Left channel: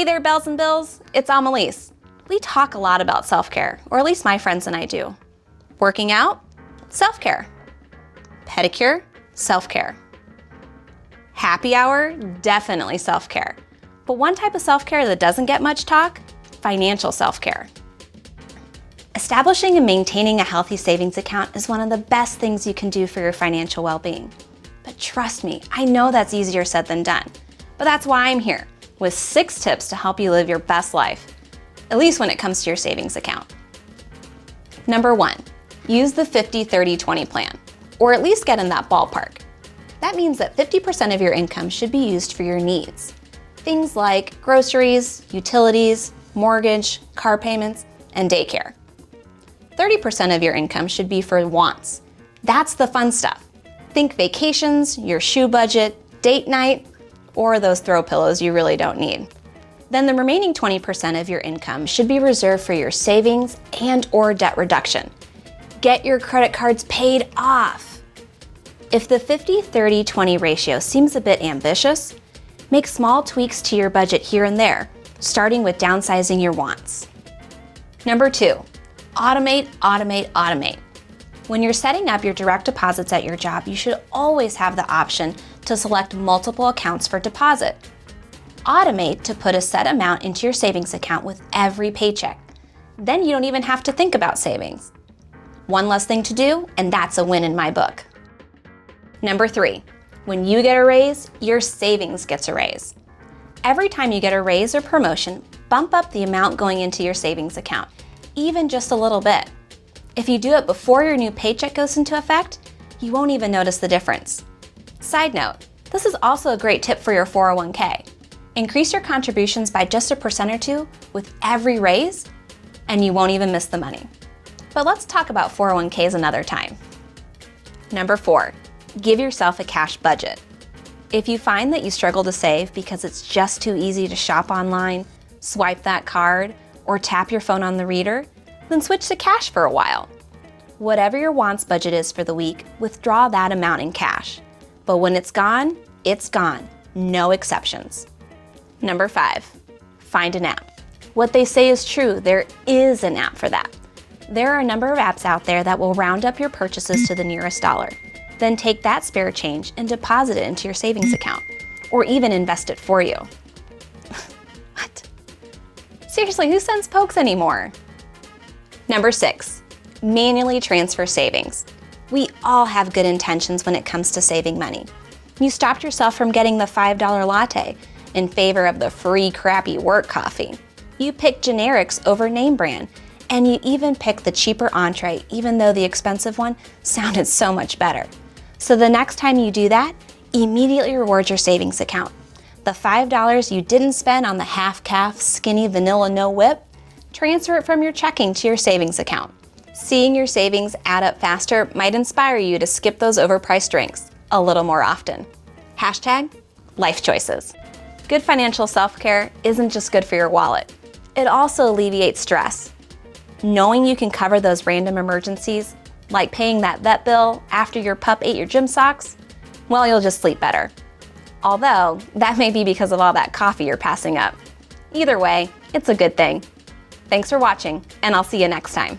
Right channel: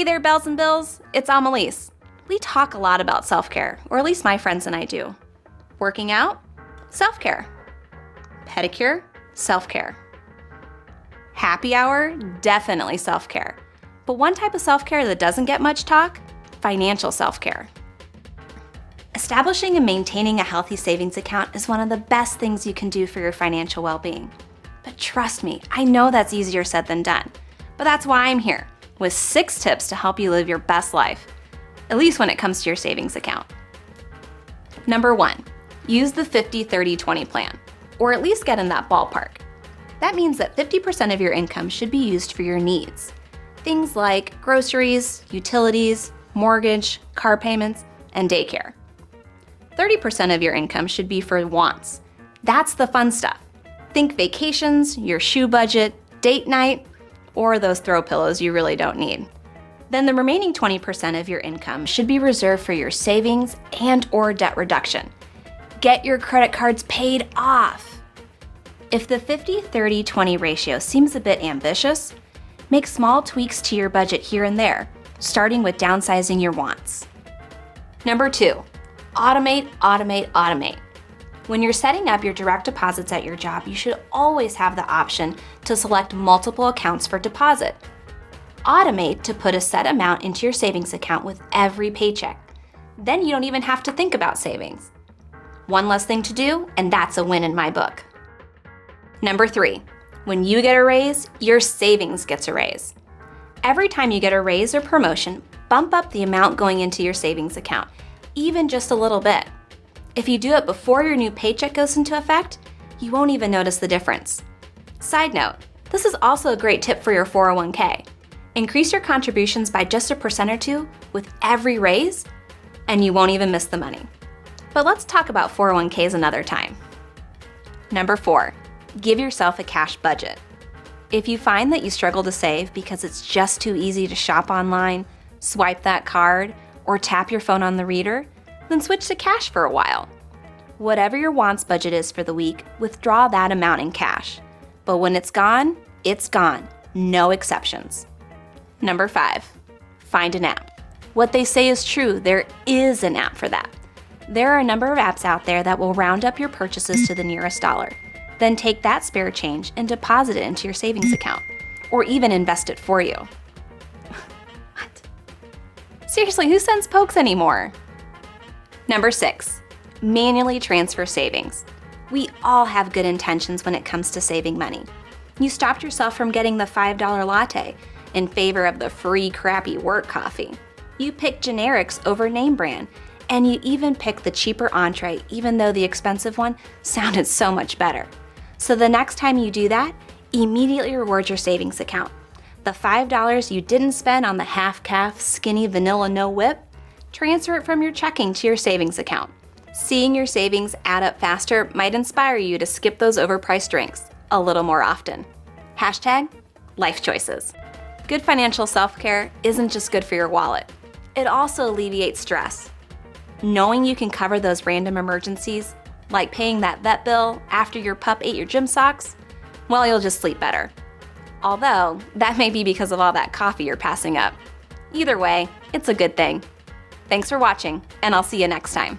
Hey there, Bells and Bills. It's Amelis. We talk a lot about self-care, or at least my friends and I do. Working out? Self-care. Pedicure? Self-care. Happy hour? Definitely self-care. But one type of self-care that doesn't get much talk? Financial self-care. Establishing and maintaining a healthy savings account is one of the best things you can do for your financial well-being. But trust me, I know that's easier said than done. But that's why I'm here, with 6 tips to help you live your best life, at least when it comes to your savings account. Number 1, use the 50-30-20 plan, or at least get in that ballpark. That means that 50% of your income should be used for your needs. Things like groceries, utilities, mortgage, car payments, and daycare. 30% of your income should be for wants. That's the fun stuff. Think vacations, your shoe budget, date night, or those throw pillows you really don't need. Then the remaining 20% of your income should be reserved for your savings and/or debt reduction. Get your credit cards paid off. If the 50-30-20 ratio seems a bit ambitious, make small tweaks to your budget here and there, starting with downsizing your wants. Number 2, automate, automate, automate. When you're setting up your direct deposits at your job, you should always have the option to select multiple accounts for deposit. Automate to put a set amount into your savings account with every paycheck. Then you don't even have to think about savings. One less thing to do, and that's a win in my book. Number 3, when you get a raise, your savings gets a raise. Every time you get a raise or promotion, bump up the amount going into your savings account, even just a little bit. If you do it before your new paycheck goes into effect, you won't even notice the difference. Side note, this is also a great tip for your 401k. Increase your contributions by just 1% or 2% with every raise, and you won't even miss the money. But let's talk about 401ks another time. Number 4, give yourself a cash budget. If you find that you struggle to save because it's just too easy to shop online, swipe that card, or tap your phone on the reader, then switch to cash for a while. Whatever your wants budget is for the week, withdraw that amount in cash. But when it's gone, no exceptions. Number 5, find an app. What they say is true, there is an app for that. There are a number of apps out there that will round up your purchases to the nearest dollar. Then take that spare change and deposit it into your savings account, or even invest it for you. What? Seriously, who sends pokes anymore? Number 6, manually transfer savings. We all have good intentions when it comes to saving money. You stopped yourself from getting the $5 latte in favor of the free crappy work coffee. You picked generics over name brand, and you even picked the cheaper entree even though the expensive one sounded so much better. So the next time you do that, immediately reward your savings account. The $5 you didn't spend on the half-calf skinny vanilla no whip, transfer it from your checking to your savings account. Seeing your savings add up faster might inspire you to skip those overpriced drinks a little more often. #Life choices. Good financial self-care isn't just good for your wallet. It also alleviates stress. Knowing you can cover those random emergencies, like paying that vet bill after your pup ate your gym socks, well, you'll just sleep better. Although, that may be because of all that coffee you're passing up. Either way, it's a good thing. Thanks for watching, and I'll see you next time.